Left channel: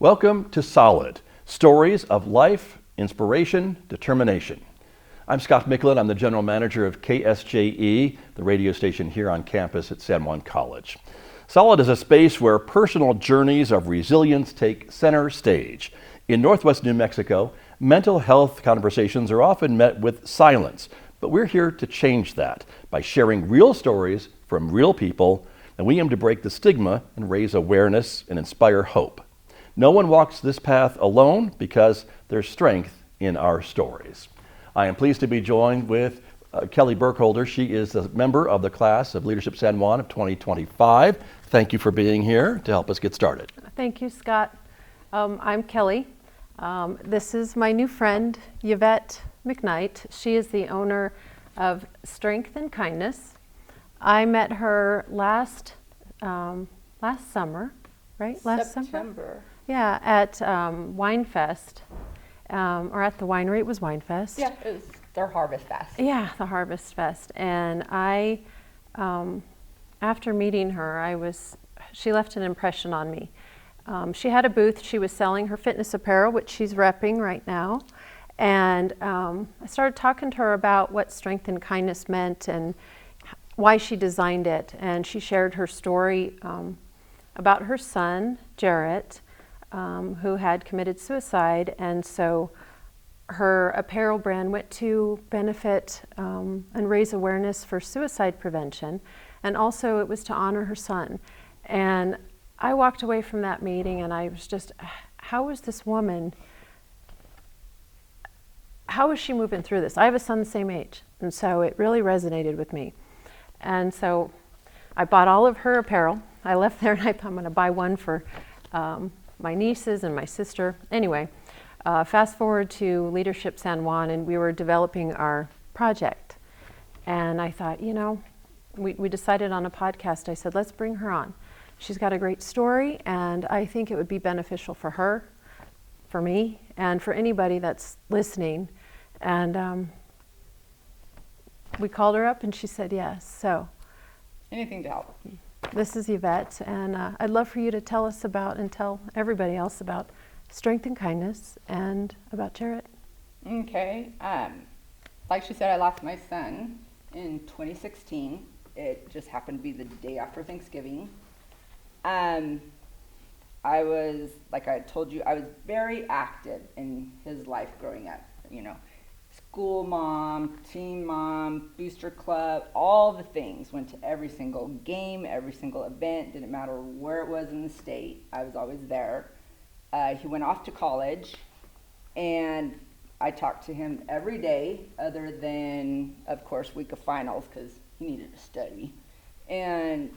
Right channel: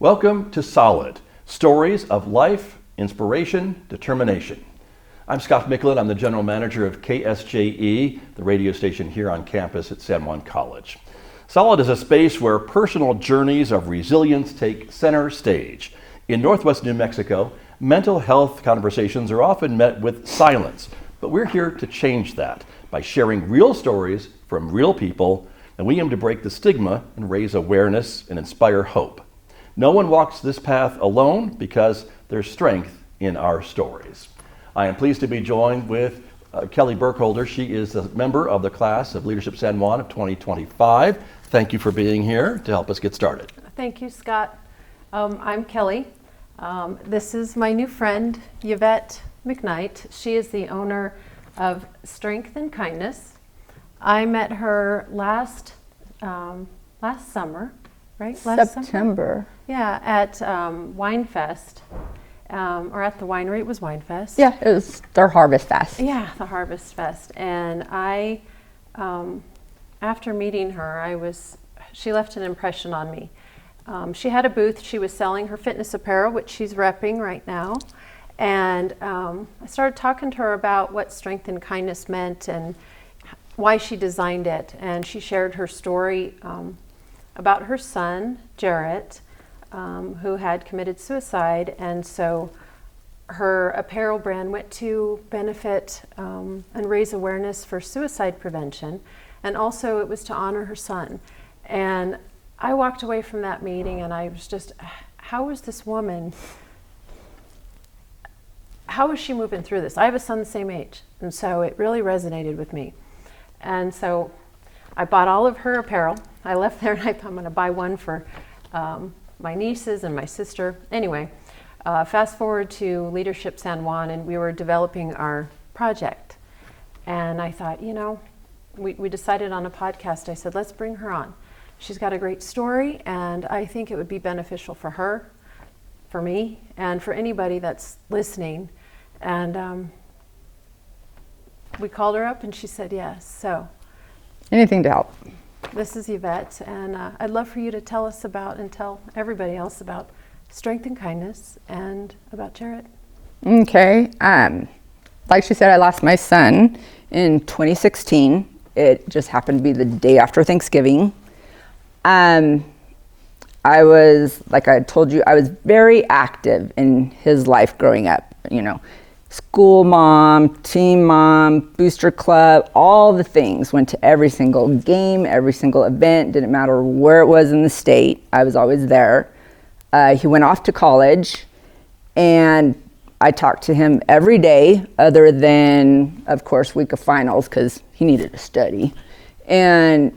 Welcome to S.O.L.I.D, Stories of Life, Inspiration, Determination. I'm Scott Micklin. I'm the General Manager of KSJE, the radio station here on campus at San Juan College. S.O.L.I.D is a space where personal journeys of resilience take center stage. In Northwest New Mexico, mental health conversations are often met with silence, but we're here to change that by sharing real stories from real people, and we aim to break the stigma and raise awareness and inspire hope. No one walks this path alone because there's strength in our stories. I am pleased to be joined with Kelly Burkholder. She is a member of the class of Leadership San Juan of 2025. Thank you for being here to help us get started. Thank you, Scott. I'm Kelly. This is my new friend, Yvette McKnight. She is the owner of Strength and Kindness. I met her last summer, right? September. Yeah, at Winefest, or at the winery. It was Winefest. Yeah, it was their Harvest Fest. Yeah, the Harvest Fest. And I, after meeting her, she left an impression on me. She had a booth. She was selling her fitness apparel, which she's repping right now. And I started talking to her about what Strength and Kindness meant and why she designed it. And she shared her story about her son, Jarrett, who had committed suicide. And so her apparel brand went to benefit and raise awareness for suicide prevention. And also it was to honor her son. And I walked away from that meeting and I was just, how is this woman, how is she moving through this? I have a son the same age. And so it really resonated with me. And so I bought all of her apparel. I left there and I thought I'm going to buy one for my nieces and my sister. Anyway, fast forward to Leadership San Juan, and we were developing our project. And I thought, we decided on a podcast. I said, let's bring her on. She's got a great story, and I think it would be beneficial for her, for me, and for anybody that's listening. And we called her up, and she said yes. So, anything to help. This is Yvette, and I'd love for you to tell us about and tell everybody else about Strength and Kindness and about Jarrett. Okay. Like she said, I lost my son in 2016. It just happened to be the day after Thanksgiving. I was, like I told you, I was very active in his life growing up, school mom, team mom, booster club, all the things. Went to every single game, every single event, didn't matter where it was in the state, I was always there. He went off to college, and I talked to him every day, other than, of course, week of finals, because he needed to study. And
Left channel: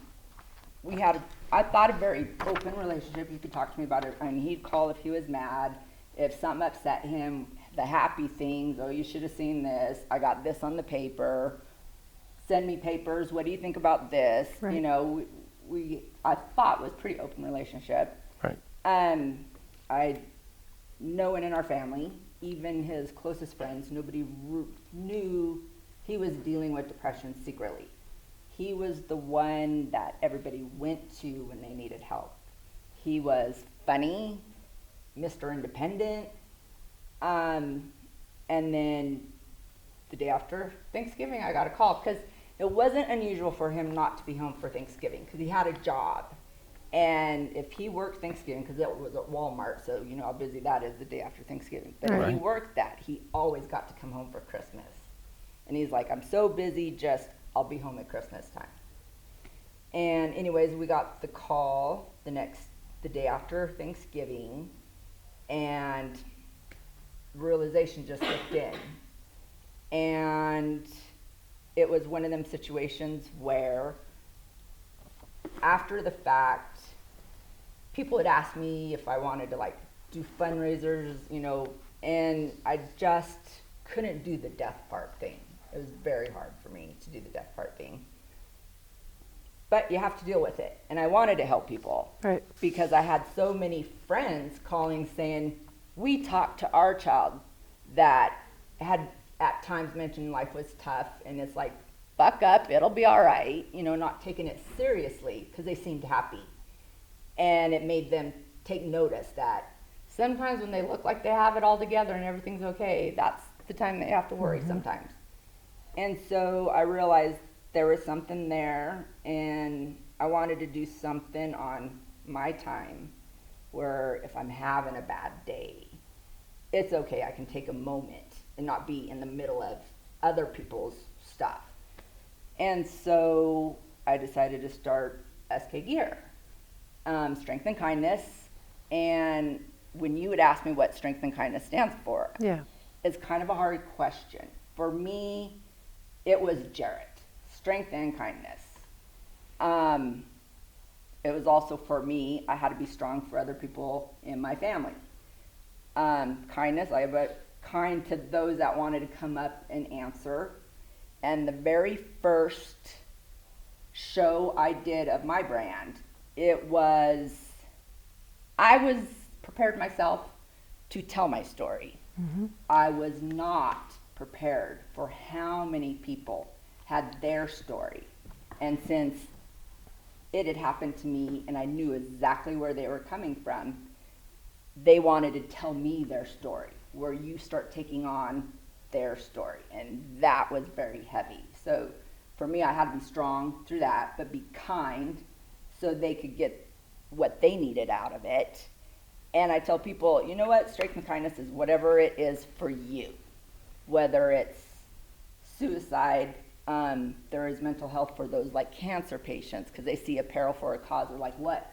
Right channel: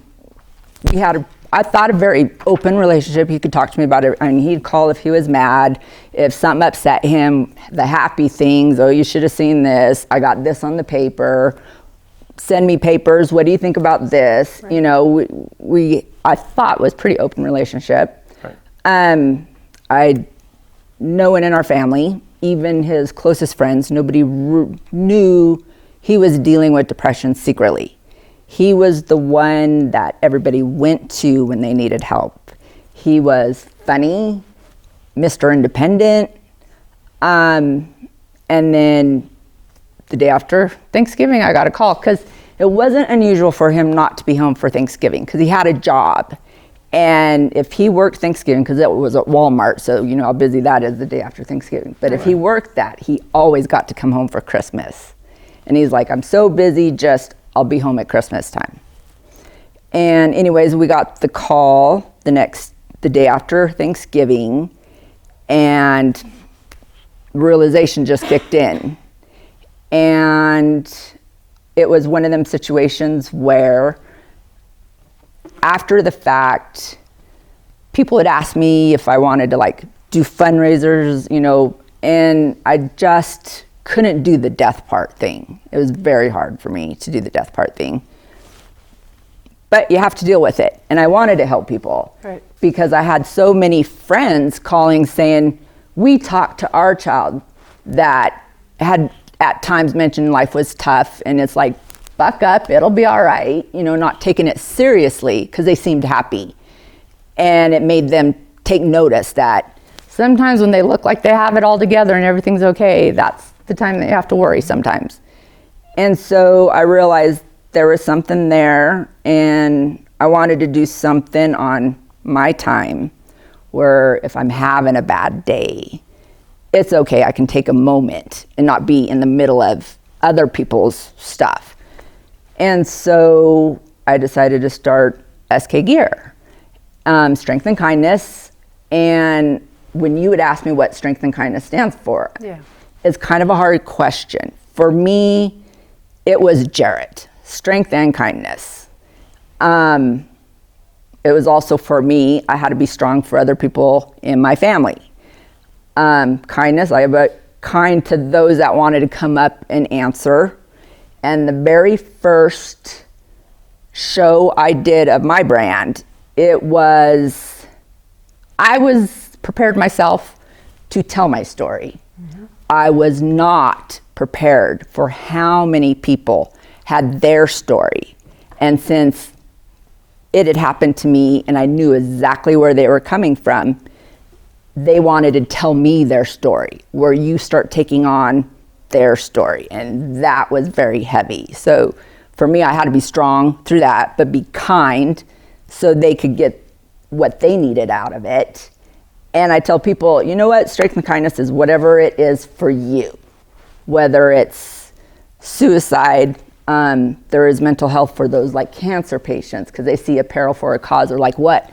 we had I thought a very open relationship. He could talk to me about it. I mean, he'd call if he was mad, if something upset him, the happy things. Oh, you should have seen this. I got this on the paper. Send me papers. What do you think about this? Right. I thought was pretty open relationship. Right. No one in our family, even his closest friends, nobody knew he was dealing with depression secretly. He was the one that everybody went to when they needed help. He was funny, Mr. Independent. And then the day after Thanksgiving, I got a call because it wasn't unusual for him not to be home for Thanksgiving because he had a job. And if he worked Thanksgiving, because it was at Walmart, so you know how busy that is the day after Thanksgiving. But if he worked that, he always got to come home for Christmas. And he's like, I'm so busy, I'll be home at Christmas time. And anyways, we got the call the day after Thanksgiving, and realization just kicked in. And it was one of them situations where after the fact, people had asked me if I wanted to do fundraisers, and I just couldn't do the death part thing. It was very hard for me to do the death part thing. But you have to deal with it. And I wanted to help people. Right. Because I had so many friends calling saying, we talked to our child that had at times mentioned life was tough, and it's like, buck up, it'll be all right, not taking it seriously because they seemed happy. And it made them take notice that sometimes when they look like they have it all together and everything's okay, that's the time that you have to worry sometimes. And so I realized there was something there, and I wanted to do something on my time where if I'm having a bad day, it's okay, I can take a moment and not be in the middle of other people's stuff. And so I decided to start SK Gear, Strength and Kindness. And when you would ask me what Strength and Kindness stands for, it's kind of a hard question. For me, it was Jarrett, strength and kindness. It was also for me, I had to be strong for other people in my family. Kindness, I was kind to those that wanted to come up and answer. And the very first show I did of my brand, I was prepared myself to tell my story. I was not prepared for how many people had their story. And since it had happened to me and I knew exactly where they were coming from, they wanted to tell me their story, where you start taking on their story. And that was very heavy. So for me, I had to be strong through that, but be kind so they could get what they needed out of it. And I tell people, you know what, strength and kindness is whatever it is for you. Whether it's suicide, there is mental health for those like cancer patients, because they see apparel for a cause, or like what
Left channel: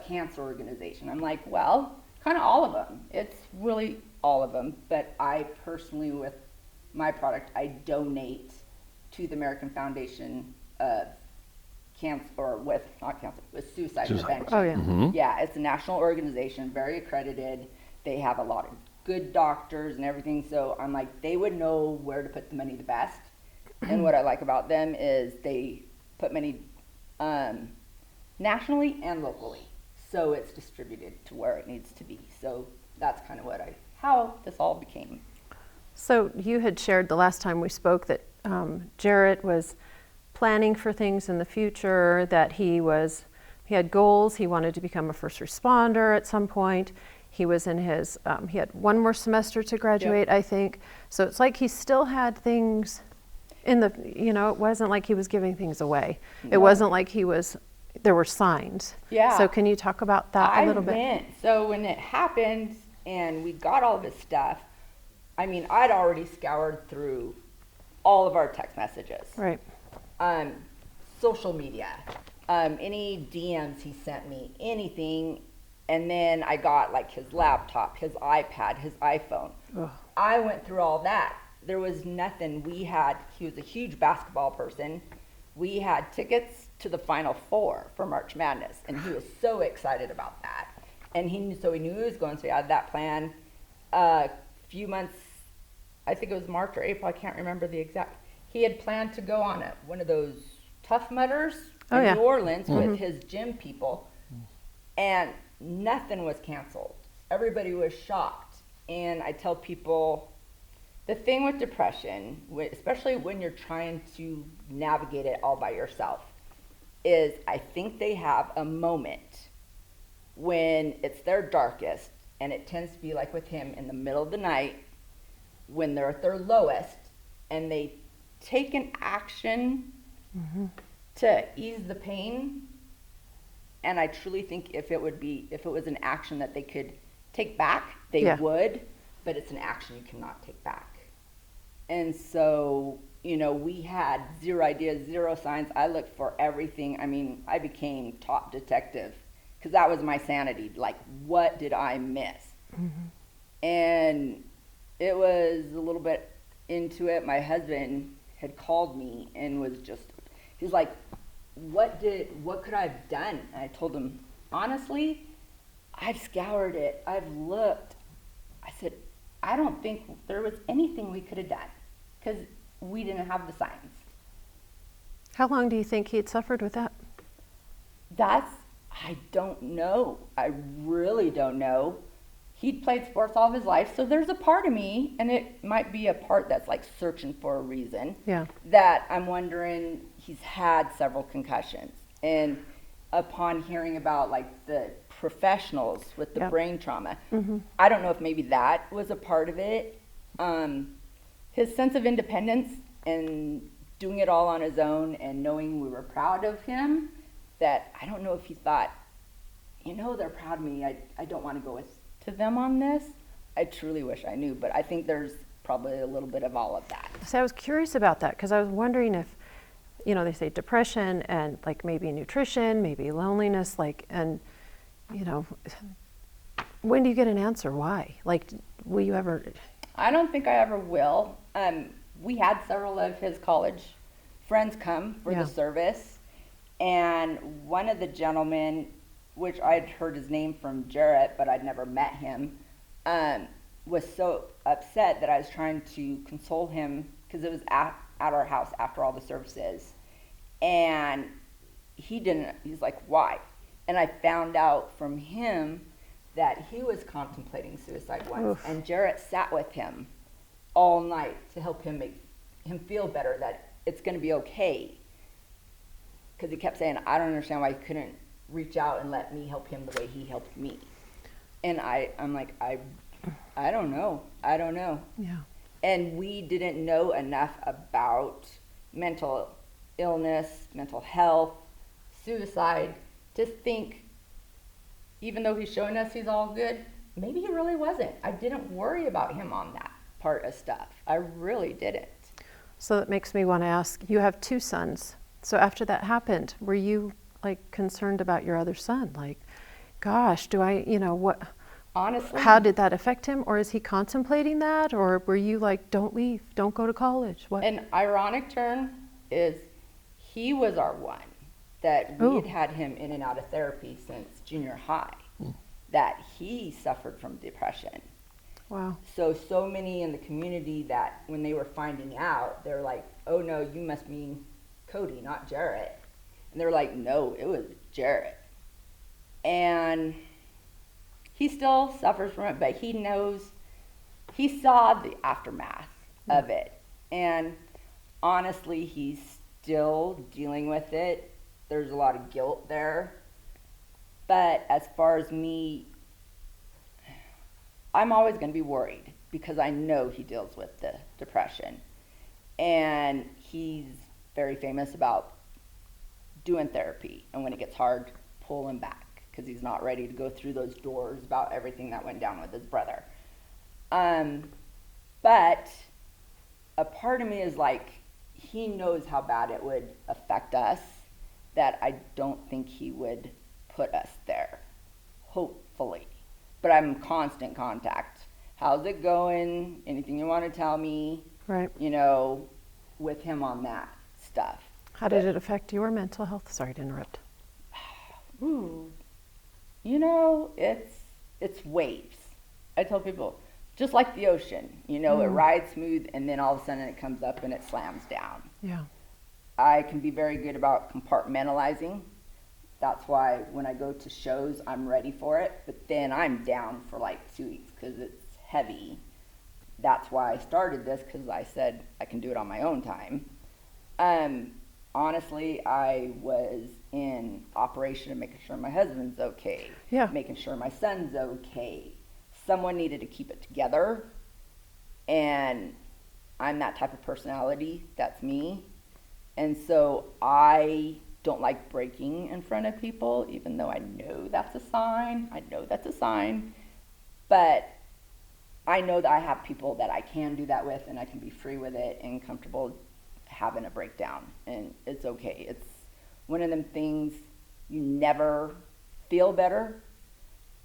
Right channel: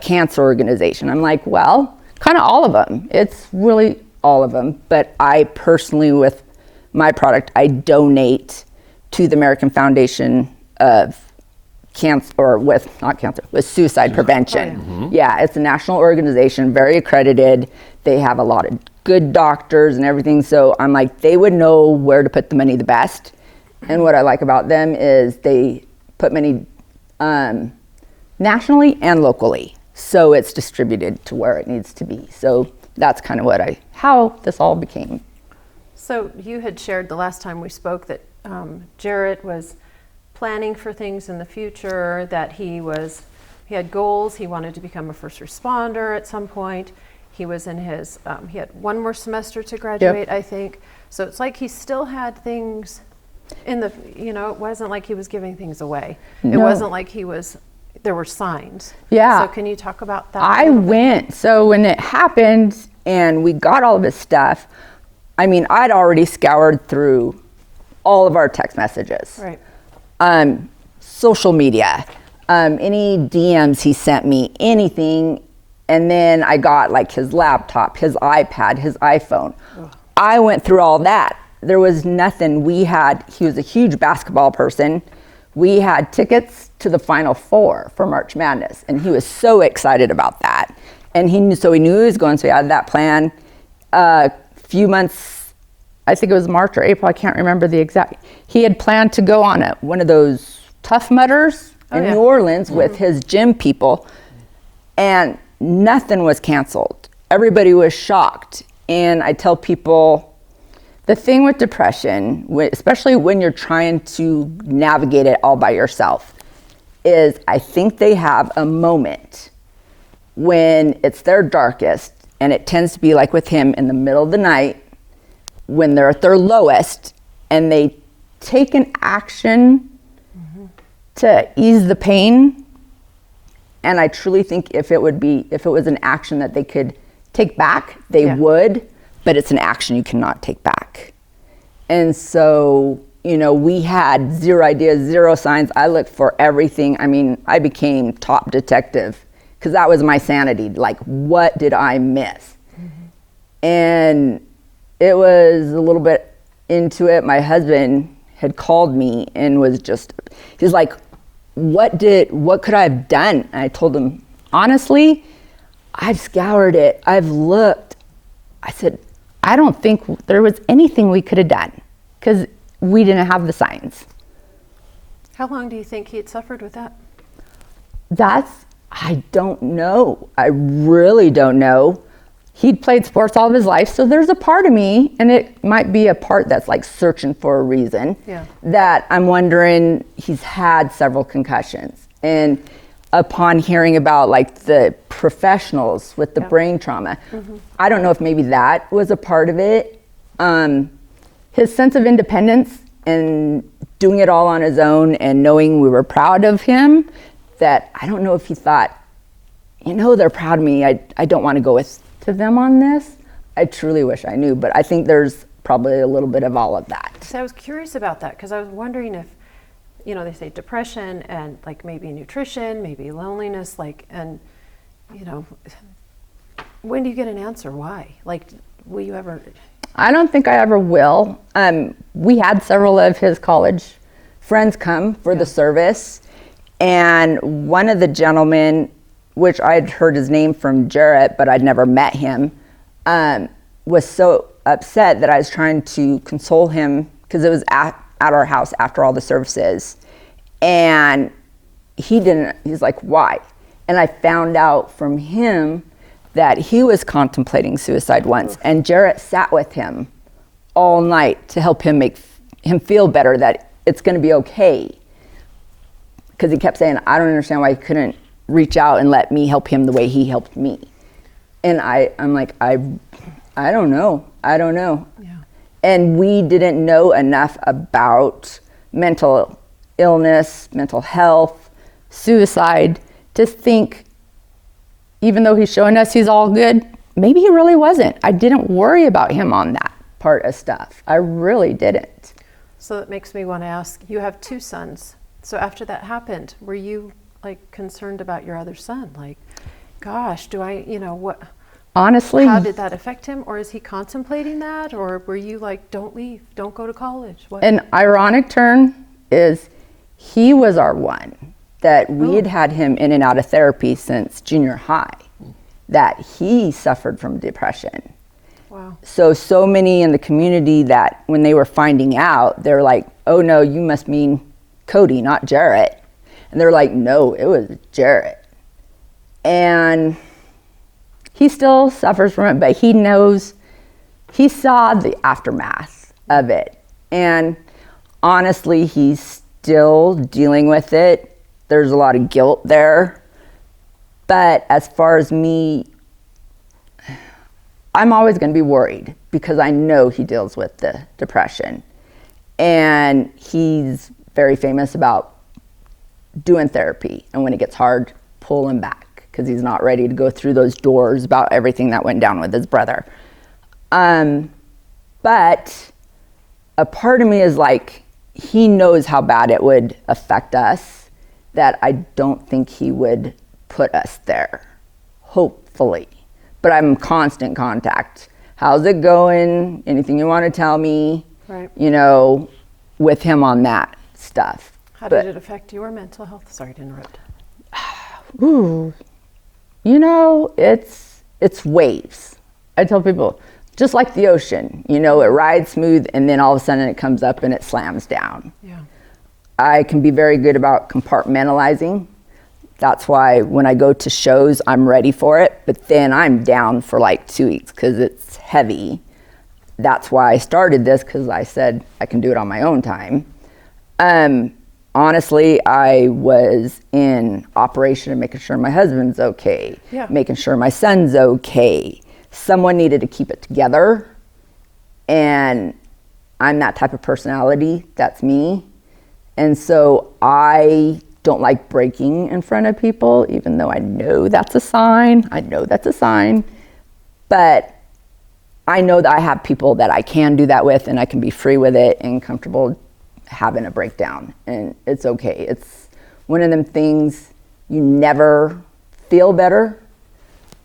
cancer organization? I'm like, well, kind of all of them. It's really all of them. But I personally, with my product, I donate to the American Foundation of Cancer, or with suicide prevention. Yeah, it's a national organization, very accredited. They have a lot of good doctors and everything. So I'm like, they would know where to put the money the best. And what I like about them is they put money nationally and locally. So it's distributed to where it needs to be. So that's kind of how this all became. So you had shared the last time we spoke that Jarrett was planning for things in the future, that he had goals. He wanted to become a first responder at some point. He was in his, he had one more semester to graduate, I think. So it's like he still had things in the, it wasn't like he was giving things away. No. It wasn't like there were signs. Yeah. So can you talk about that So when it happened and we got all of his stuff, I'd already scoured through all of our text messages. Right. Social media, any DMs he sent me, anything. And then I got like his laptop, his iPad, his iPhone. Ugh. I went through all that. There was nothing. He was a huge basketball person. We had tickets to the Final Four for March Madness, and he was so excited about that. And he knew he was going, so he had that plan. Few months, I think it was March or April, I can't remember the exact. He had planned to go on one of those Tough Mudders in New Orleans with his gym people, and nothing was canceled. Everybody was shocked. And I tell people, the thing with depression, especially when you're trying to navigate it all by yourself, is I think they have a moment when it's their darkest, and it tends to be like with him in the middle of the night when they're at their lowest, and they take an action to ease the pain. And I truly think if it was an action that they could take back, they would, but it's an action you cannot take back. And so, we had zero ideas, zero signs. I looked for everything. I became top detective because that was my sanity. Like, what did I miss? And it was a little bit into it. My husband had called me and he's like, what could I have done? And I told him, honestly, I've scoured it. I've looked. I said, I don't think there was anything we could have done because we didn't have the signs. How long do you think he had suffered with that? I don't know. I really don't know. He'd played sports all of his life, so there's a part of me, and it might be a part that's like searching for a reason, that I'm wondering, he's had several concussions. And upon hearing about like the professionals with the Yeah. brain trauma. I don't know if maybe that was a part of it. His sense of independence and doing it all on his own and knowing we were proud of him, that I don't know if he thought, they're proud of me. I don't want to go to them on this. I truly wish I knew, but I think there's probably a little bit of all of that. So I was curious about that because I was wondering if, they say depression and like maybe nutrition, maybe loneliness, and when do you get an answer? Why? Like, will you ever? I don't think I ever will. We had several of his college friends come for the service, and one of the gentlemen, which I'd heard his name from Jarrett, but I'd never met him, was so upset that I was trying to console him because it was at our house after all the services, and he's like, why? And I found out from him that he was contemplating suicide once. And Jarrett sat with him all night to help him make him feel better, that it's going to be okay. Because he kept saying, I don't understand why he couldn't reach out and let me help him the way he helped me. And I'm like, I don't know. Yeah. And we didn't know enough about mental illness, mental health, suicide, to think, even though he's showing us he's all good, maybe he really wasn't. I didn't worry about him on that part of stuff. I really didn't. So that makes me want to ask, you have 2 sons. So after that happened, were you like concerned about your other son? Like, gosh, what? Honestly, How did that affect him? Or is he contemplating that? Or were you like, don't leave, don't go to college? What? an ironic turn is he was our one that we had him in and out of therapy since junior high, that he suffered from depression. Wow. So many in the community that when they were finding out, they're like, oh no, you must mean Cody, not Jarrett. And they're like, no, it was Jarrett. And he still suffers from it, but he knows, he saw the aftermath of it. And honestly, he's still dealing with it. There's a lot of guilt there. But as far as me, I'm always going to be worried because I know he deals with the depression. And he's very famous about doing therapy. And when it gets hard, pull him back because he's not ready to go through those doors about everything that went down with his brother. But a part of me is like, he knows how bad it would affect us, that I don't think he would put us there, hopefully. But I'm in constant contact. How's it going? Anything you want to tell me? Right. With him on that stuff. How did it affect your mental health? Sorry to interrupt. Ooh, it's waves. I tell people, just like the ocean, it rides smooth and then all of a sudden it comes up and it slams down. Yeah. I can be very good about compartmentalizing. That's why when I go to shows, I'm ready for it, but then I'm down for like 2 weeks because it's heavy. That's why I started this, because I said I can do it on my own time. Honestly, I was in operation and making sure my husband's okay, making sure my son's okay. Someone needed to keep it together, and I'm that type of personality. That's me. And so I don't like breaking in front of people, even though I know that's a sign. But I know that I have people that I can do that with, and I can be free with it and comfortable having a breakdown. And it's okay. It's one of them things, you never feel better.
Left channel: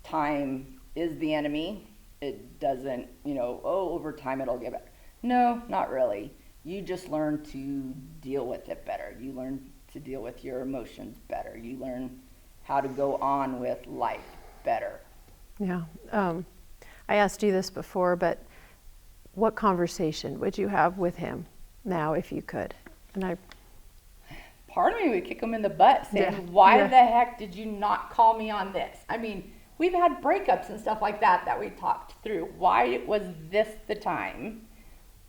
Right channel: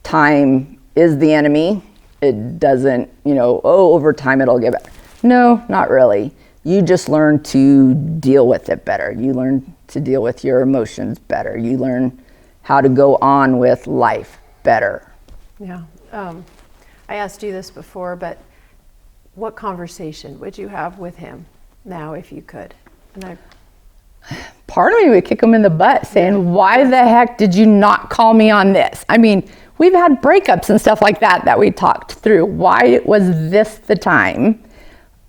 Time is the enemy. It doesn't, over time it'll get better. No, not really. You just learn to deal with it better. You learn to deal with your emotions better. You learn how to go on with life better. Yeah. I asked you this before, but what conversation would you have with him now if you could? And part of me would kick him in the butt saying, why the heck did you not call me on this? I mean, we've had breakups and stuff like that we talked through. Why was this the time?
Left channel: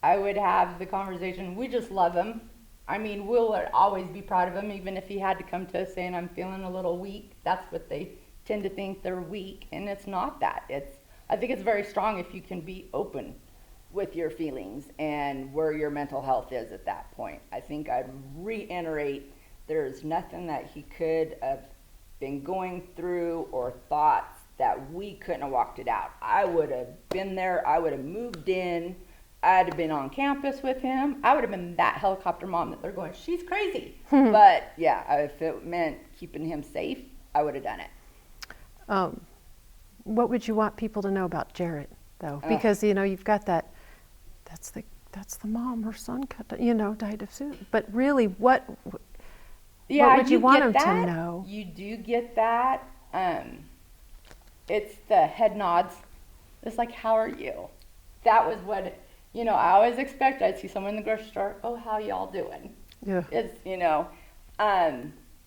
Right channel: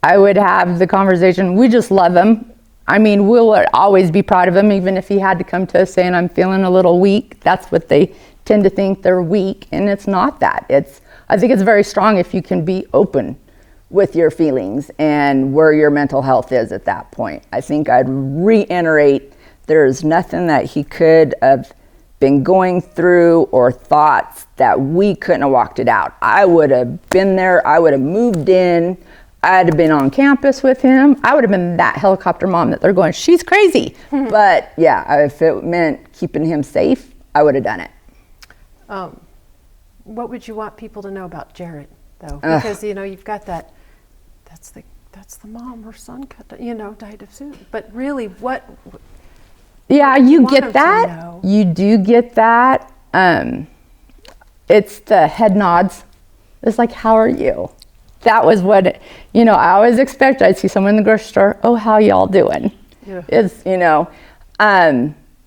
I would have the conversation. We just love him. I mean, we'll always be proud of him, even if he had to come to us saying, I'm feeling a little weak. That's what they tend to think, they're weak, and it's not that. I think it's very strong if you can be open with your feelings and where your mental health is at that point. I think I'd reiterate, there's nothing that he could have been going through or thoughts that we couldn't have walked it out. I would have been there, I would have moved in, I'd have been on campus with him. I would have been that helicopter mom that they're going, she's crazy. But yeah, if it meant keeping him safe, I would have done it. What would you want people to know about Jarrett, though? Because, you've got that's the mom, her son died of suicide. But really, what would you want get them that. to know? You do get that. It's the head nods. It's like, how are you? That was what, I always expect, I'd see someone in the grocery store, oh, how y'all doing? Yeah. It's,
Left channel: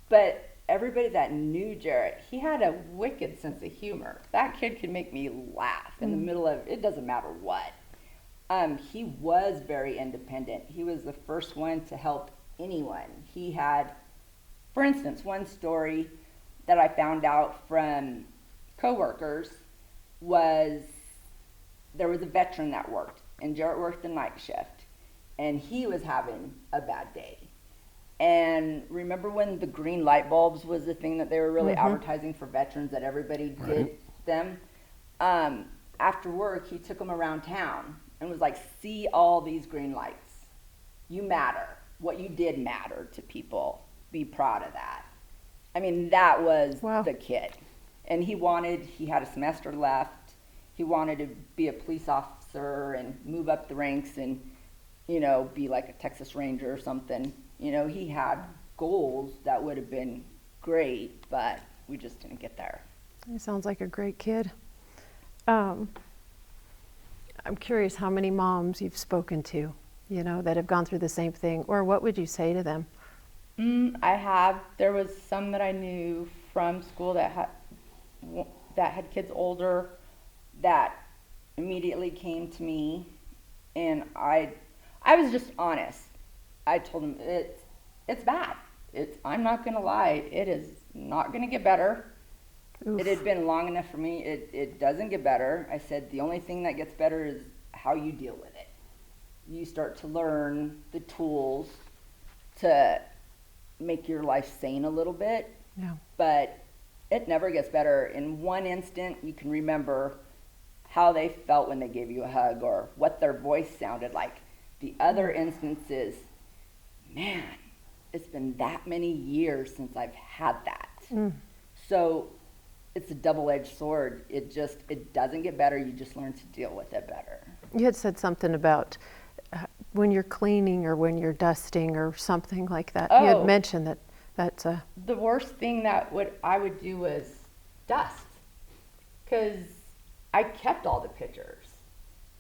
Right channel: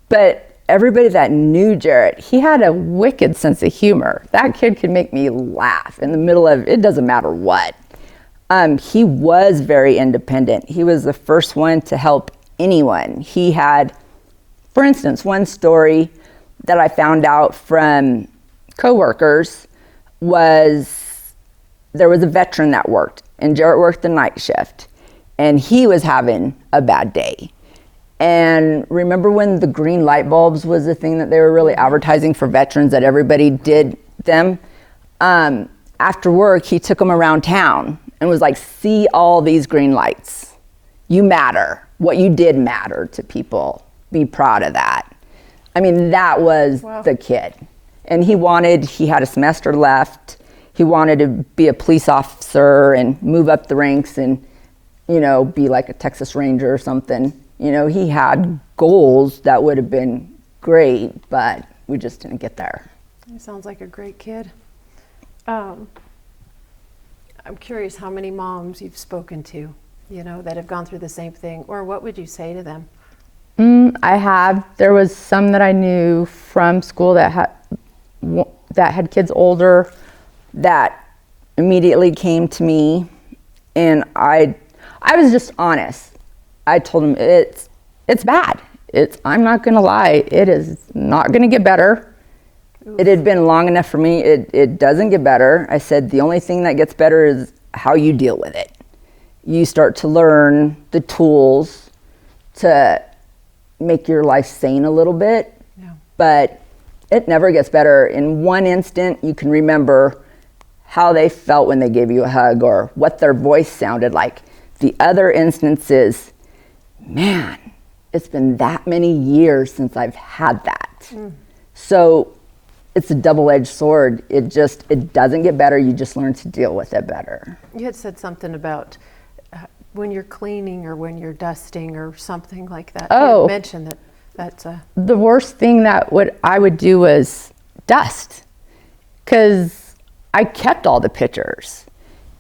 but everybody that knew Jarrett, he had a wicked sense of humor. That kid could make me laugh in the middle of, it doesn't matter what. He was very independent. He was the first one to help anyone. He had, for instance, one story that I found out from coworkers was there was a veteran that worked, and Jarrett worked the night shift, and he was having a bad day. And remember when the green light bulbs was the thing that they were really advertising for veterans, that everybody did them? After work, he took them around town and was like, see all these green lights. You matter. What you did matter to people. Be proud of that. I mean, that was the kid. And he had a semester left. He wanted to be a police officer and move up the ranks and, be like a Texas Ranger or something. He had goals that would have been great, but we just didn't get there. He sounds like a great kid. I'm curious how many moms you've spoken to, that have gone through the same thing, or what would you say to them? I have. There was some that I knew from school that had kids older that immediately came to me, and I was just honest. I told them it's bad. I'm not gonna lie, it is not gonna get better. Oof. It had been long enough for me. It doesn't get better. I said the only thing that gets better is how you deal with it. You start to learn the tools to make your life sane a little bit. Yeah. But it never gets better. In one instant, you can remember how they felt when they gave you a hug or what their voice sounded like. The other instances, man, it's been that many years since I've had that. So it's a double-edged sword. It doesn't get better. You just learn to deal with it better. You had said something about when you're cleaning or when you're dusting or something like that. You had mentioned that's the worst thing that I would do was dust, because I kept all the pictures.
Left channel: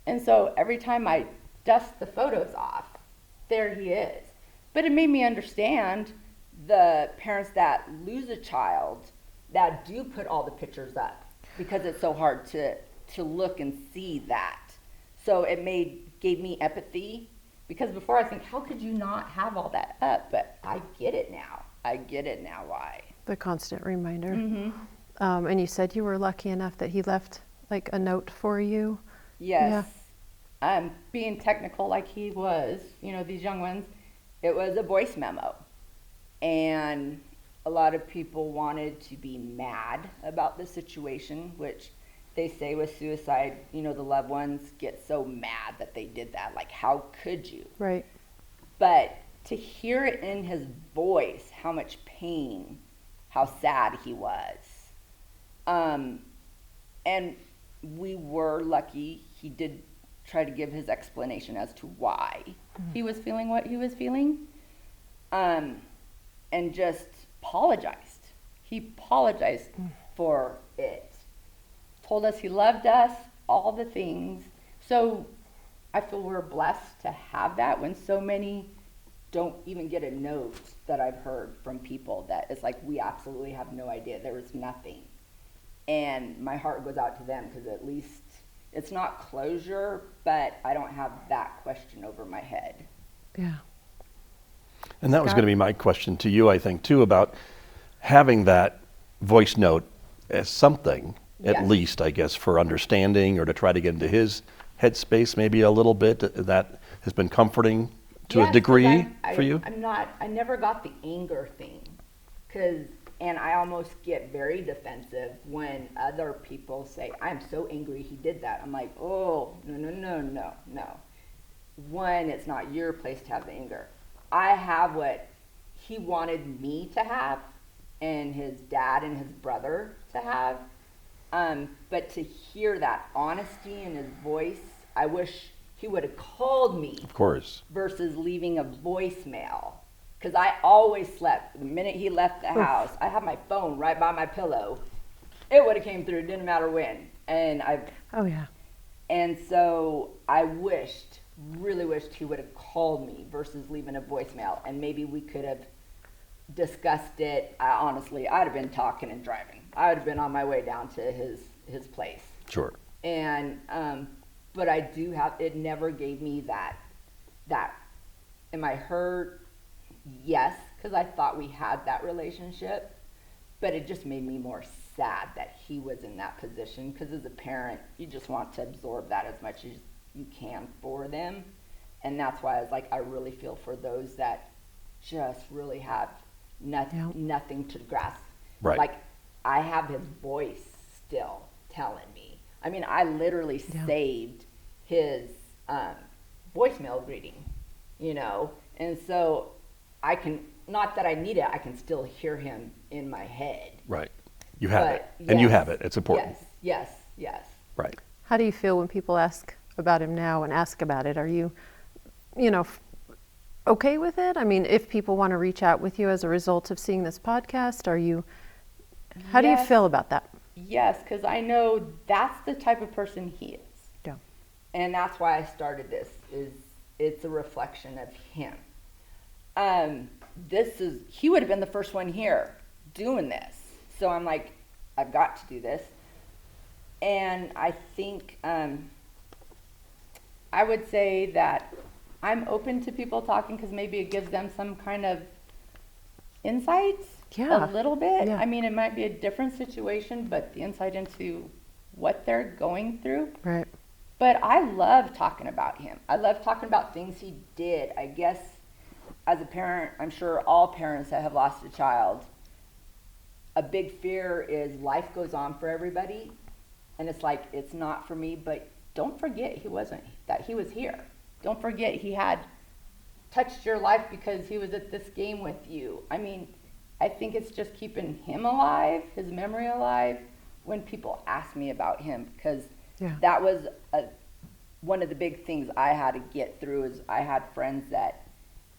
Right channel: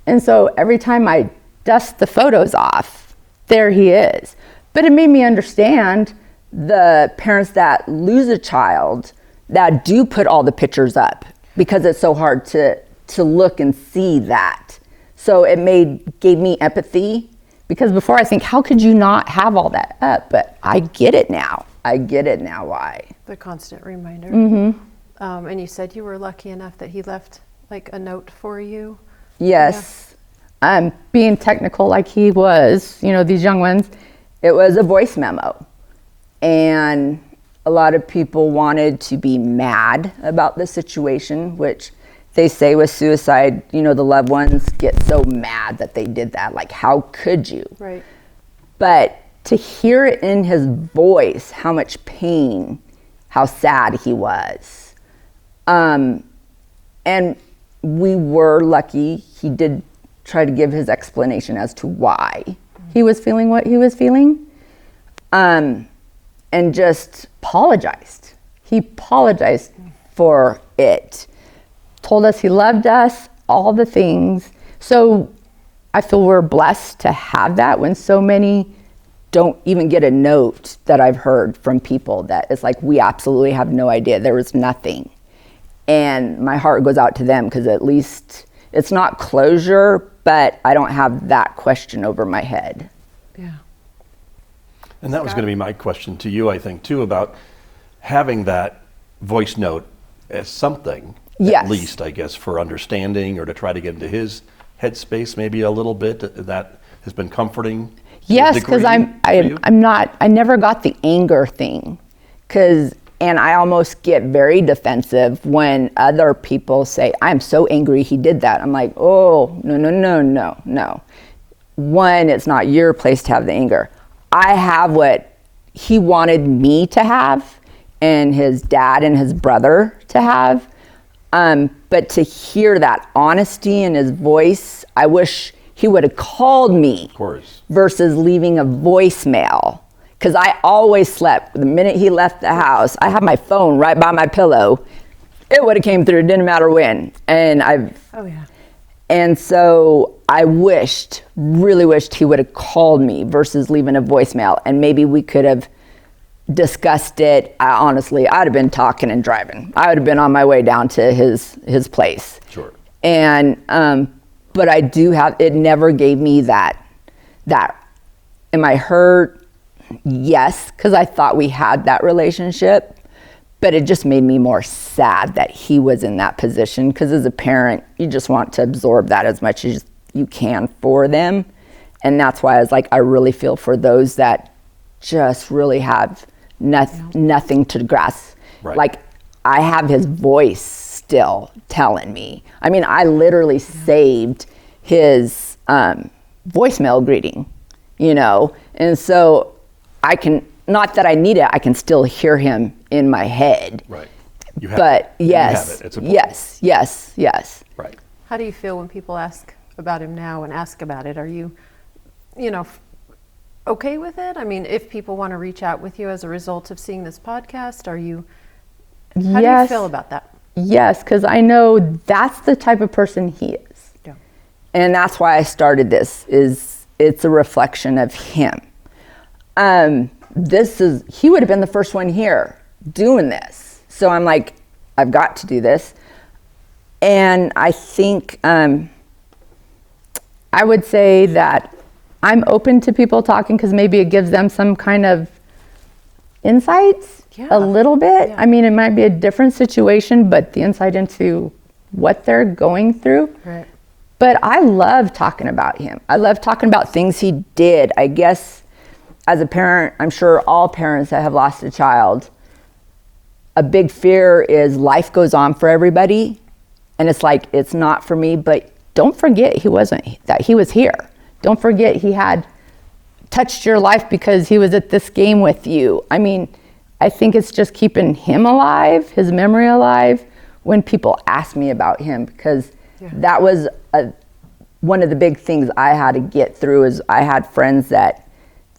And so every time I dust the photos off, there he is. But it made me understand the parents that lose a child that do put all the pictures up, because it's so hard to look and see that. So it gave me empathy, because before I think, how could you not have all that up? But I get it now. Why. The constant reminder. Mm-hmm. And you said you were lucky enough that he left like a note for you. Yes. Yeah. Being technical like he was, these young ones, it was a voice memo. And a lot of people wanted to be mad about the situation, which they say with suicide, the loved ones get so mad that they did that. Like, how could you? Right. But to hear it in his voice, how much pain, how sad he was. And we were lucky. He did try to give his explanation as to why he was feeling what he was feeling. And just apologized. He apologized for it. Told us he loved us, all the things. So I feel we're blessed to have that, when so many don't even get a note that I've heard from people that it's like, we absolutely have no idea. There was nothing. And my heart goes out to them, because at least it's not closure, but I don't have that question over my head. Yeah. And that was Scott? going to be my question to you, I think, too, about having that voice note as something, Yes. at least, I guess, for understanding or to try to get into his headspace maybe a little bit, that has been comforting to a Yes, degree because for you? I never got the anger thing. And I almost get very defensive when other people say, I'm so angry he did that. I'm like, oh, no. One, it's not your place to have the anger. I have what he wanted me to have and his dad and his brother to have. But to hear that honesty in his voice, I wish he would have called me. Of course. Versus leaving a voicemail. Because I always slept. The minute he left the house, I had my phone right by my pillow. It would have came through, didn't matter when. Oh, yeah. And so I really wished he would have called me versus leaving a voicemail. And maybe we could have discussed it. Honestly, I'd have been talking and driving. I would have been on my way down to his place. Sure. And, but I do have, it never gave me that, am I hurt? Yes, because I thought we had that relationship, but it just made me more sad that he was in that position, because as a parent, you just want to absorb that as much as you can for them. And that's why I was like, I really feel for those that just really have nothing to grasp. Right. Like, I have his voice still telling me. I mean, I literally saved his voicemail greeting, and so I can, not that I need it, I can still hear him in my head. Right. You have But it. And yes, you have it. It's important. yes. Right. How do you feel when people ask about him now and ask about it? Are you, okay with it? I mean, if people want to reach out with you as a result of seeing this podcast, how do you Yes. feel about that? Yes, because I know that's the type of person he is. Yeah. And that's why I started this, it's a reflection of him. He would have been the first one here doing this. So I'm like, I've got to do this. And I think, I would say that I'm open to people talking because maybe it gives them some kind of insights Yeah. a little bit. Yeah. I mean, it might be a different situation, but the insight into what they're going through. Right. But I love talking about him. I love talking about things he did. I guess as a parent, I'm sure all parents that have lost a child, a big fear is life goes on for everybody. And it's like, it's not for me, but don't forget he was here. Don't forget he had touched your life because he was at this game with you. I mean, I think it's just keeping him alive, his memory alive, when people ask me about him, because that was one of the big things I had to get through. Is I had friends that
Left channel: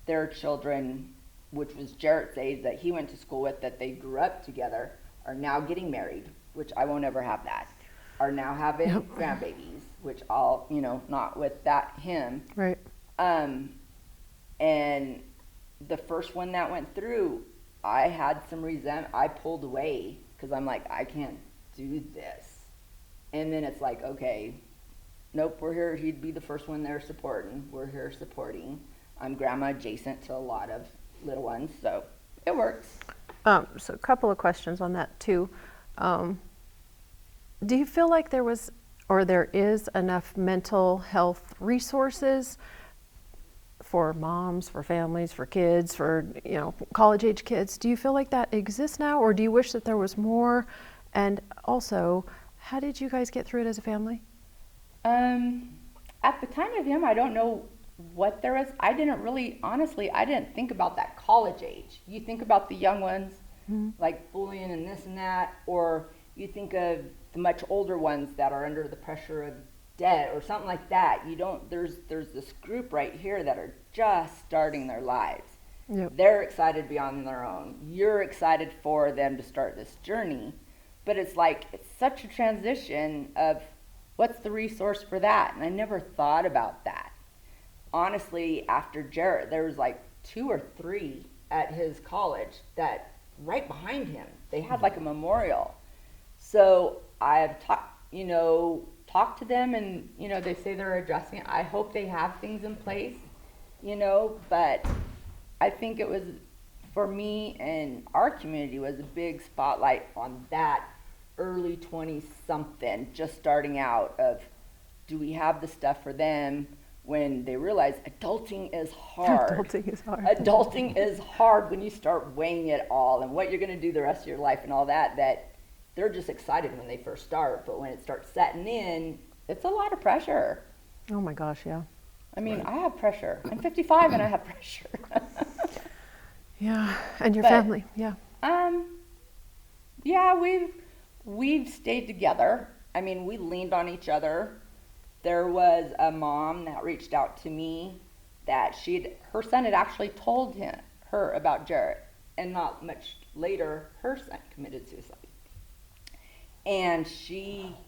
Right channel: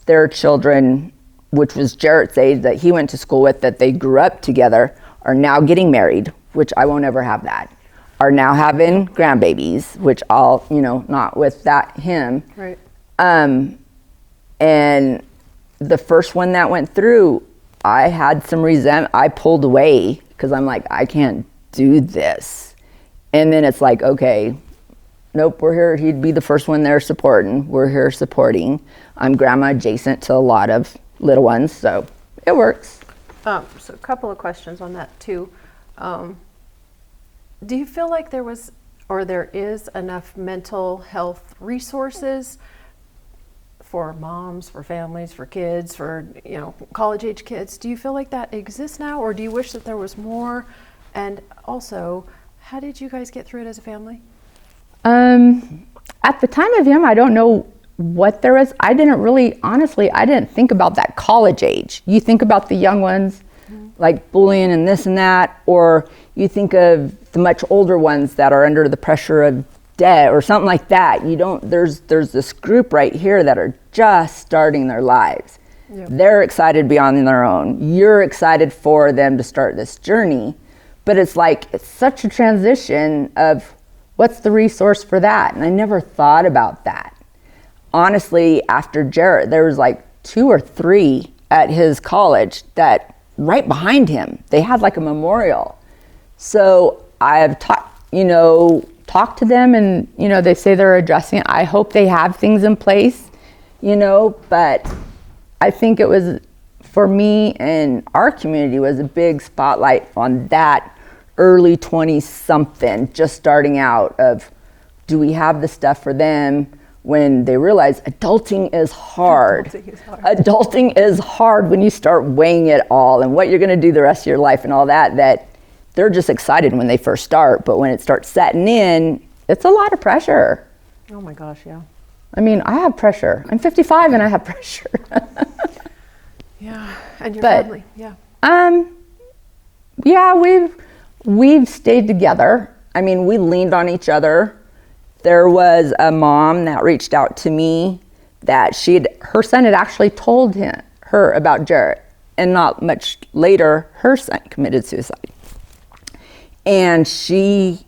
their children, which was Jarrett's age, that he went to school with, that they grew up together, are now getting married, which I won't ever have that, are now having grandbabies, which I'll, not with him. Right. And the first one that went through, I had some resentment. I pulled away because I'm like, I can't do this. And then it's like, okay, nope, we're here. He'd be the first one there supporting. We're here supporting. I'm grandma adjacent to a lot of little ones, so it works. So a couple of questions on that too. Do you feel like there was, or there is, enough mental health resources for moms, for families, for kids, for college age kids? Do you feel like that exists now, or do you wish that there was more? And also, how did you guys get through it as a family? At the time of him, I don't know what there is. I didn't really, honestly, I didn't think about that college age. You think about the young ones, like bullying and this and that, or you think of the much older ones that are under the pressure of debt or something like that. There's this group right here that are just starting their lives. Yep. They're excited beyond their own. You're excited for them to start this journey, but it's such a transition of what's the resource for that? And I never thought about that. Honestly, after Jarrett, there was 2 or 3 at his college that right behind him, they had a memorial. So I have talked to them, and, they say they're addressing it. I hope they have things in place, but I think it was, for me and our community, was a big spotlight on that early 20-something, just starting out, of do we have the stuff for them when they realize adulting is hard. Adulting is hard. Adulting is hard when you start weighing it all and what you're going to do the rest of your life and all that, that they're just excited when they first start. But when it starts setting in, it's a lot of pressure. Oh my gosh, yeah. I mean, I have pressure. I'm 55 and I have pressure. Yeah, and your But- family, yeah. Yeah, we've stayed together. I mean, we leaned on each other. There was a mom that reached out to me that her son had actually told her about Jarrett, and not much later, her son committed suicide. And it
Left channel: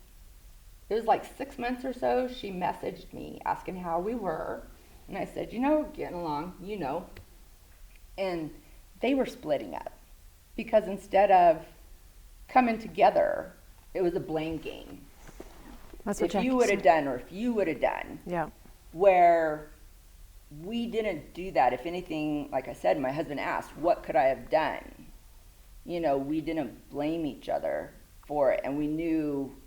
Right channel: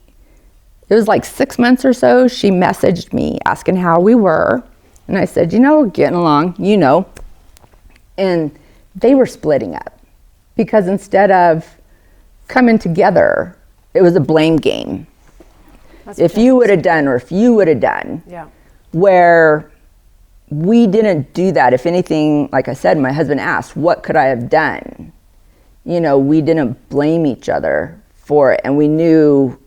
was like 6 months or so, she messaged me asking how we were. And I said, we're getting along, And they were splitting up because instead of coming together, it was a blame game. That's If you would have done, or if you would have done. Yeah. Where we didn't do that. If anything, like I said, my husband asked, what could I have done? We didn't blame each other for it. And we knew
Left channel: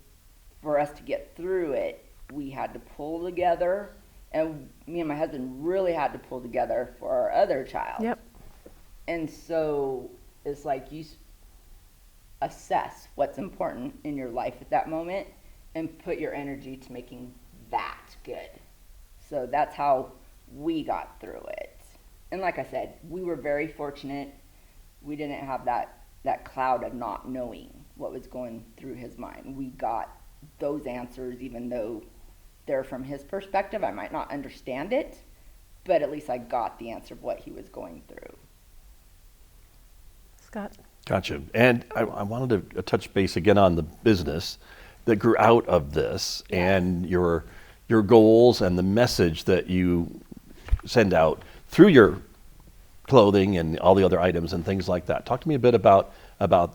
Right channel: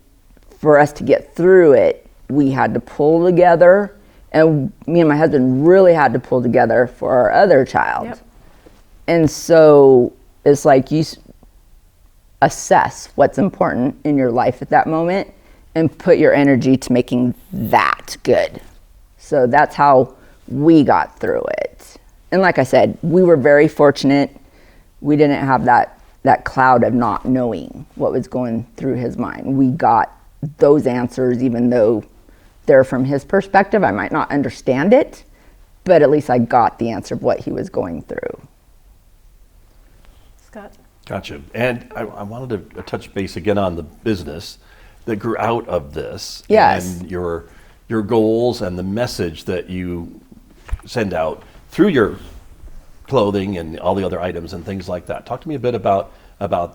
for us to get through it, we had to pull together. And me and my husband really had to pull together for our other child. Yep. And so it's like you assess what's important in your life at that moment and put your energy to making that good. So that's how we got through it. And like I said, we were very fortunate. We didn't have that cloud of not knowing what was going through his mind. We got those answers, even though they're from his perspective. I might not understand it, but at least I got the answer of what he was going through. Scott? Gotcha. And I wanted to touch base again on the business that grew out of this. Yes. And your goals and the message that you send out through your clothing and all the other items and things like that. Talk to me a bit about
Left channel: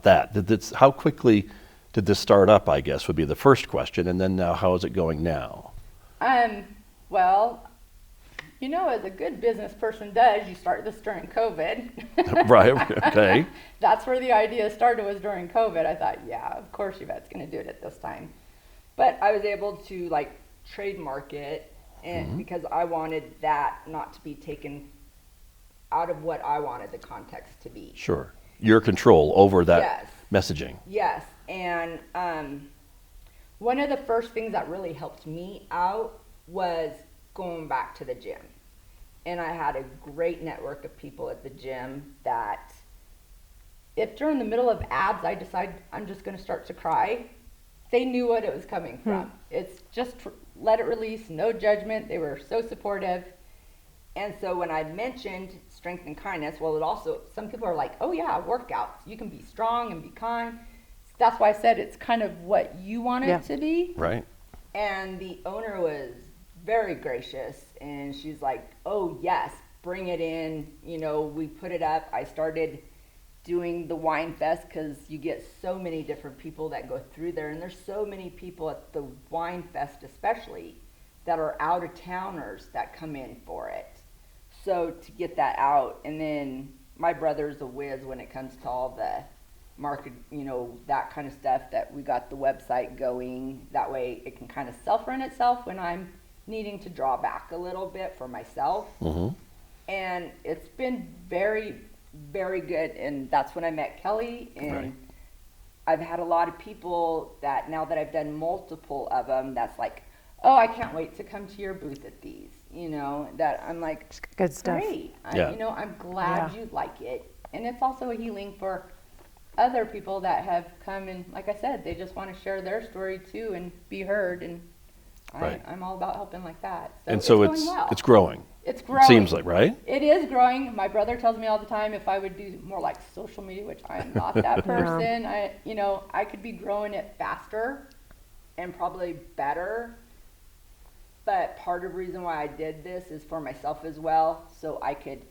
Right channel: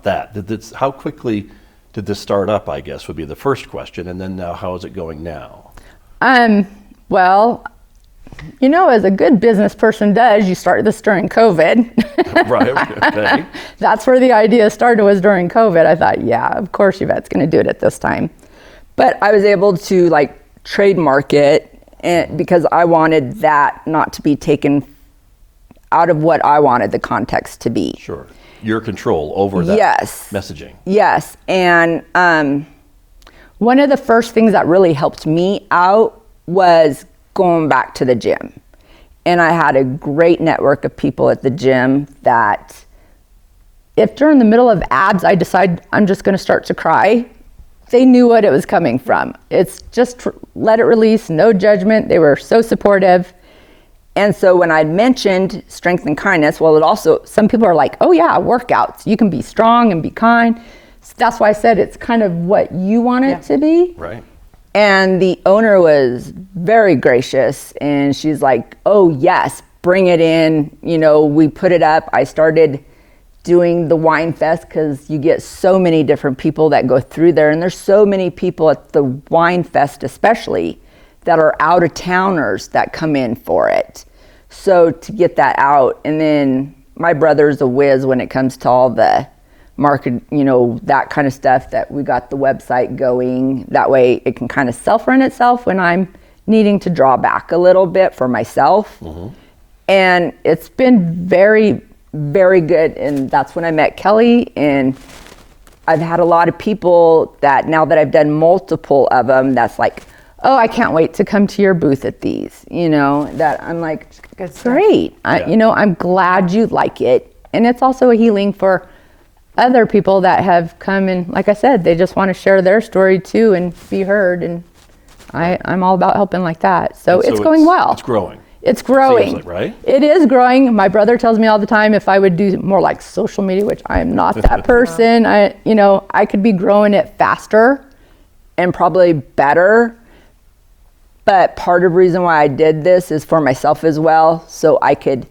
that. How quickly did this start up, I guess, would be the first question. And then now, how is it going now? Well, as a good business person does, you start this during COVID. Right, okay. That's where the idea started, was during COVID. I thought, yeah, of course Yvette's going to do it at this time. But I was able to trademark it because I wanted that not to be taken out of what I wanted the context to be. Sure. Your control over that Yes. messaging. Yes. And one of the first things that really helped me out was going back to the gym. And I had a great network of people at the gym that if during the middle of abs I decide I'm just going to start to cry, they knew what it was coming from. It's just let it release, no judgment. They were so supportive. And so when I mentioned strength and kindness, well, it also, some people are like, oh yeah, workouts. You can be strong and be kind. So that's why I said it's kind of what you want it to be. Right. And the owner was very gracious, and she's like, oh yes, bring it in. We put it up. I started doing the wine fest because you get so many different people that go through there, and there's so many people at the wine fest especially that are out of towners that come in for it. So to get that out, and then my brother's a whiz when it comes to all the market, that kind of stuff, that we got the website going. That way it can kind of self-run itself when I'm needing to draw back a little bit for myself. Mm-hmm. And it's been very, very good. And that's when I met Kelly. And I've had a lot of people that now that I've done multiple of them, that's like, oh, I can't wait to come to your booth at these, that I'm like, Good stuff. great. Yeah. I'm glad you like it. And it's also a healing for other people that have come, and like I said, they just want to share their story too and be heard. And I'm all about helping like that. So it's going well. It's growing. It's growing. Seems like, right? It is growing. My brother tells me all the time if I would do more like social media, which I am not that person. I could be growing it faster and probably better. But part of the reason why I did this is for myself as well, so I could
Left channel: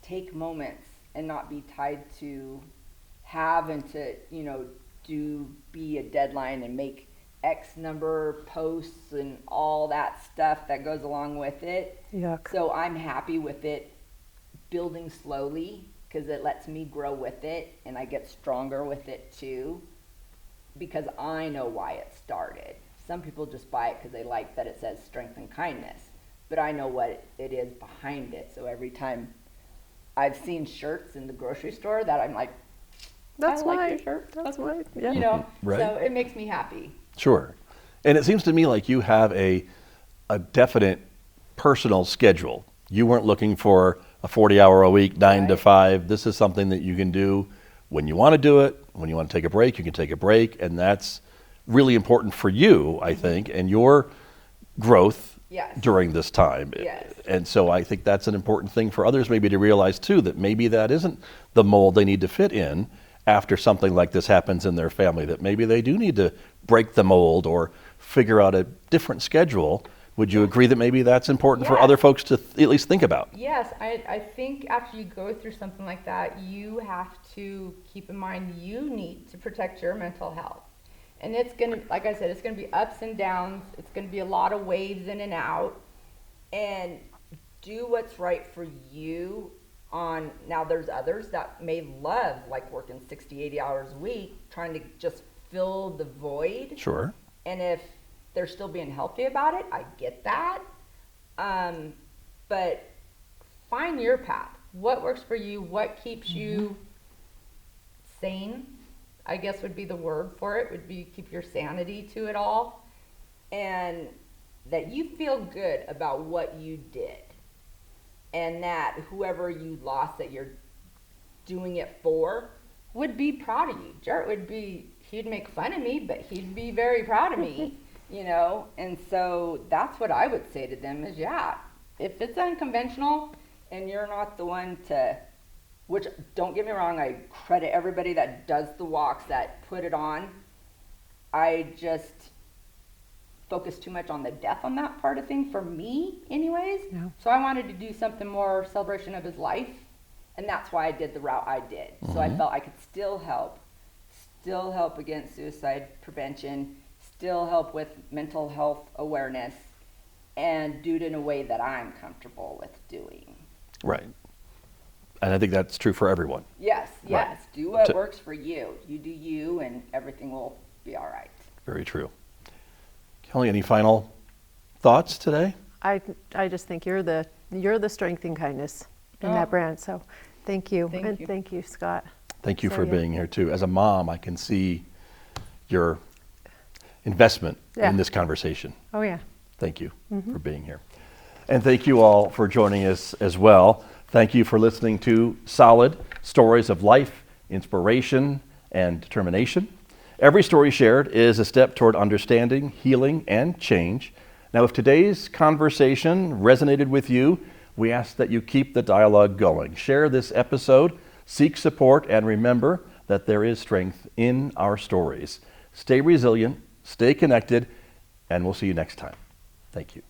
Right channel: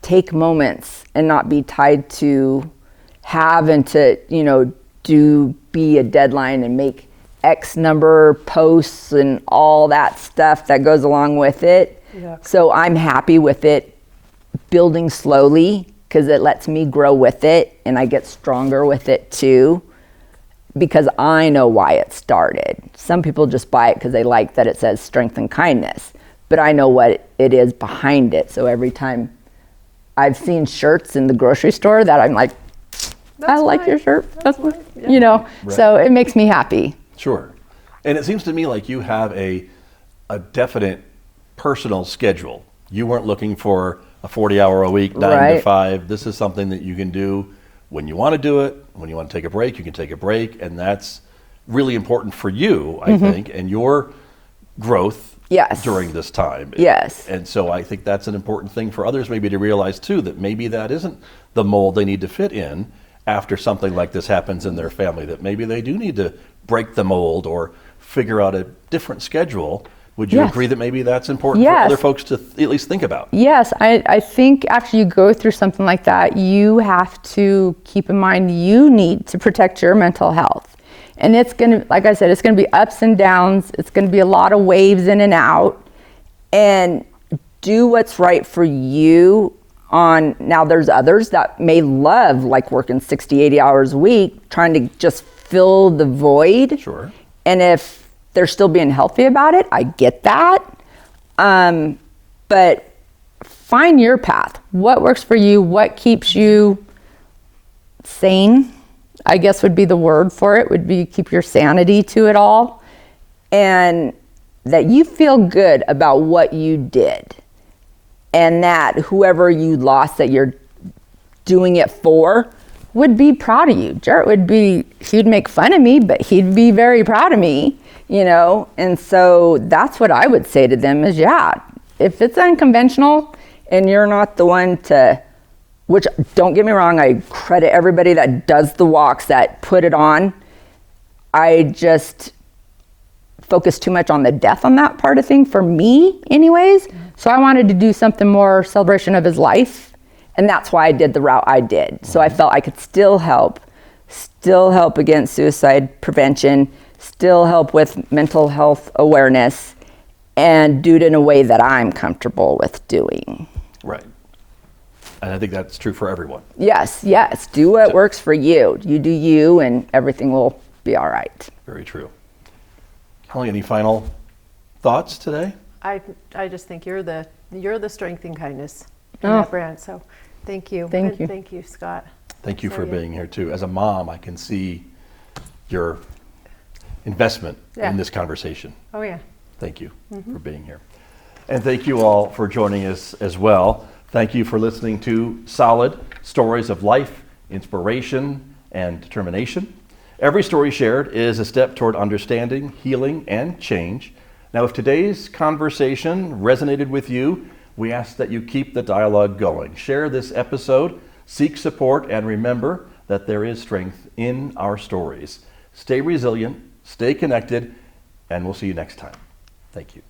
take moments and not be tied to having to, be a deadline and make X number posts and all that stuff that goes along with it. Yuck. So I'm happy with it building slowly because it lets me grow with it and I get stronger with it too, because I know why it started. Some people just buy it because they like that it says strength and kindness, but I know what it is behind it. So every time I've seen shirts in the grocery store that I'm like, I like your shirt. That's mine. Yeah. You know, Right. So it makes me happy. Sure. And it seems to me like you have a definite personal schedule. You weren't looking for a 40-hour-a-week, 9 to Right. 5. This is something that you can do when you want to do it. When you want to take a break, you can take a break. And that's really important for you, I think, and your growth Yes. during this time. Yes. And so I think that's an important thing for others maybe to realize too, that maybe that isn't the mold they need to fit in after something like this happens in their family, that maybe they do need to break the mold or figure out a different schedule. Would you Yes. agree that maybe that's important for Yes. other folks to at least think about? Yes, I think after you go through something like that, you have to keep in mind you need to protect your mental health. And it's going to, like I said, it's going to be ups and downs. It's going to be a lot of waves in and out. And do what's right for you. Now there's others that may love like working 60, 80 hours a week, trying to just fill the void. Sure. And if they're still being healthy about it, I get that. But find your path. What works for you? What keeps you sane, I guess would be the word for it, would be keep your sanity to it all. And that you feel good about what you did. And that whoever you lost that you're doing it for would be proud of you. Jarrett he'd make fun of me, but he'd be very proud of me, you know? And so that's what I would say to them is, yeah, if it's unconventional and you're not the one to, which don't get me wrong, I credit everybody that does the walks, that put it on. I just focus too much on the death on that part of thing for me anyways. Yeah. So I wanted to do something more celebration of his life. And that's why I did the route I did. So I felt I could still help against suicide prevention, still help with mental health awareness, and do it in a way that I'm comfortable with doing. Right. And I think that's true for everyone. Yes. Do what works for you. You do you and everything will be all right. Very true. Kelly, any final thoughts today? I just think you're the strength and kindness in that brand. So thank you. Thank you. Thank you, Scott. Thank you for being here too. As a mom, I can see your investment in this conversation. Oh yeah. Thank you for being here. And thank you all for joining us as well. Thank you for listening to S.O.L.I.D, Stories of Life, Inspiration, and Determination. Every story shared is a step toward understanding, healing, and change. Now, if today's conversation resonated with you, we ask that you keep the dialogue going. Share this episode, seek support, and remember that there is strength in our stories. Stay resilient, stay connected, and we'll see you next time. Thank you.